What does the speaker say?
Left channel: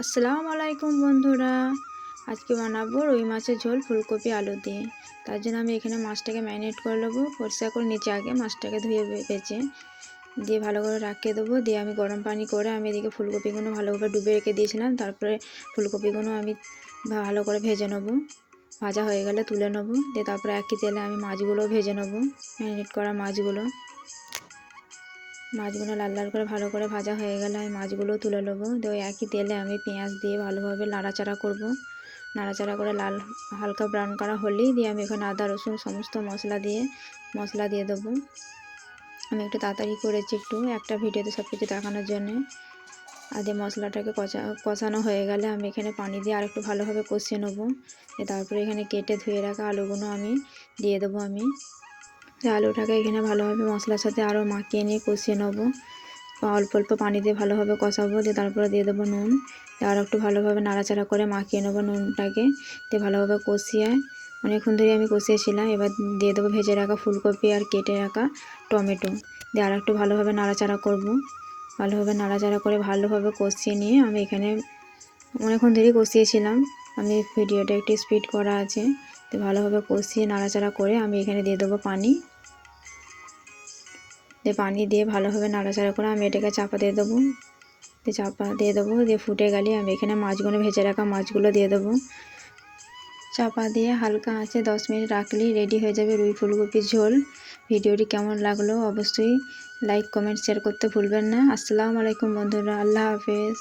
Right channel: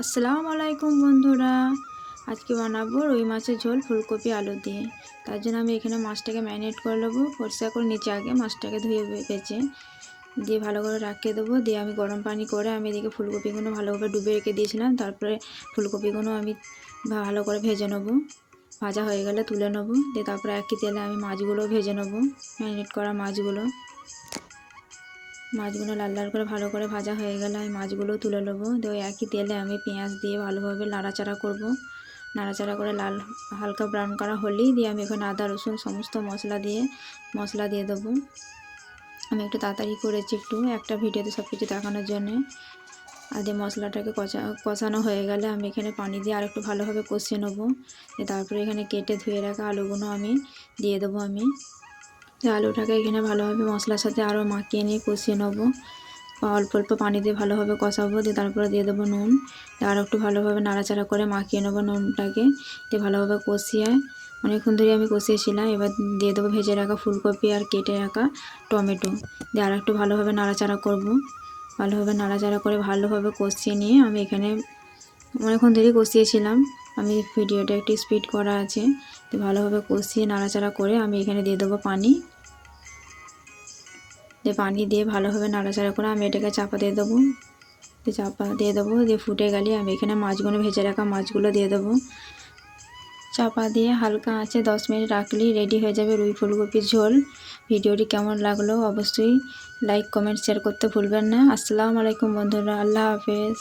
আসসালামু আলাইকুম বন্ধুরা, আজকে বানাবো রুই মাছের ঝোল ফুলকপি আলু দিয়ে। তার জন্য আমি এখানে মাছটাকে ম্যারিনেট করে নেবো। পরিষ্কার করে নিচে আগে মাছটাকে ধুয়ে বেছে দিয়ে ভালো করে রাখিয়ে দেবো। দিয়ে আমি গরম পানি করে আমি এদিকে ফুলকপিগুলো ভালোভাবে ডুবে রেখে দিয়েছিলাম। তারপরে ফুলকপিগুলো আমি ভালো করে ভেজে নেবো। ভাজা হয়ে গেলে তুলে নেবো। দিয়ে তারপরে একই তেলে আমি মাছগুলো ভেজে নেবো। ম্যারিনেট করা মাছগুলো লাল লাল করে ভালো করে ভাজা হয়ে গেলে আমি মাছগুলো তুলে নেবো। তো একই তেলে আমি পেঁয়াজ দিয়ে ভালোভাবে নাড়াচাড়া করব। নাড়াচাড়া করে লাল হালকা ব্রাউন করা হলেই দিয়ে আমি এখানে আদা রসুন সমস্ত মশলা দিয়ে দেবো। আমি একটু তাড়াতাড়ি করেছি একটা ভিডিওতে সব কিছু দেখানোর জন্যে। আর দিয়ে মশলাটাকে কষানো হয়ে গেলে আমি এখানে পানি দিয়ে আর একটু ভালোভাবে কষিয়ে নেবো। তারপরে এখানে কেটে ধুয়ে রাখা আলুগুলো আমি দিয়ে দেবো। আলুটাকে এখানে ভালোভাবে মশলার সাথে আরও মাখিয়ে নিয়ে কষিয়ে নেবো। অল্প অল্প পানি দিয়ে ভালোভাবে কষাবো। দিয়ে তারপরে দিয়ে দেবো নুন। আর একটু ভালোভাবে নাড়াচাড়া করে মাখিয়ে নেবো নুনটাকে। দিয়ে ভালোভাবে কষিয়ে অনেকক্ষণ ধরে আমি কষিয়েছিলাম। এবার দিয়ে দেবো ভেজে রাখা ফুলকপি আর কেটে রাখা টমেটো। দিয়ে আর একটু ভালোভাবে নাড়াচাড়া করব। ভালোভাবে নাড়াচাড়া করে ভালোভাবে কষিয়ে নিয়ে আমি এখানে অনেকক্ষণ ধরেই কষিয়েছিলাম। আমি ভিডিওটা একটু স্পিড করা আছে। তো ভালোভাবে কষিয়ে নাড়াচাড়া করে আমি এখানে দিয়ে দেবো পানি। দিয়ে পানি দিয়ে ভালোভাবে নাড়াচাড়া করে আমি এটাকে চাপা দিয়ে দেবো। দিয়ে ফুটে গেলে আমি এখানে মাছগুলো ভেজে রাখা মাছগুলো দিয়ে দেবো। চাপা দিয়ে হালকা আঁচে 10 মিনিট রাখলেই রেডি হয়ে যাবে রুই ফুলকপির ঝোল। ভিডিওটি কেমন লাগলো অবশ্যই লাইক কমেন্ট শেয়ার করতে ভুলবেন না। আসসালামু আলাইকুম বন্ধুরা, আল্লাহ হাফেজ।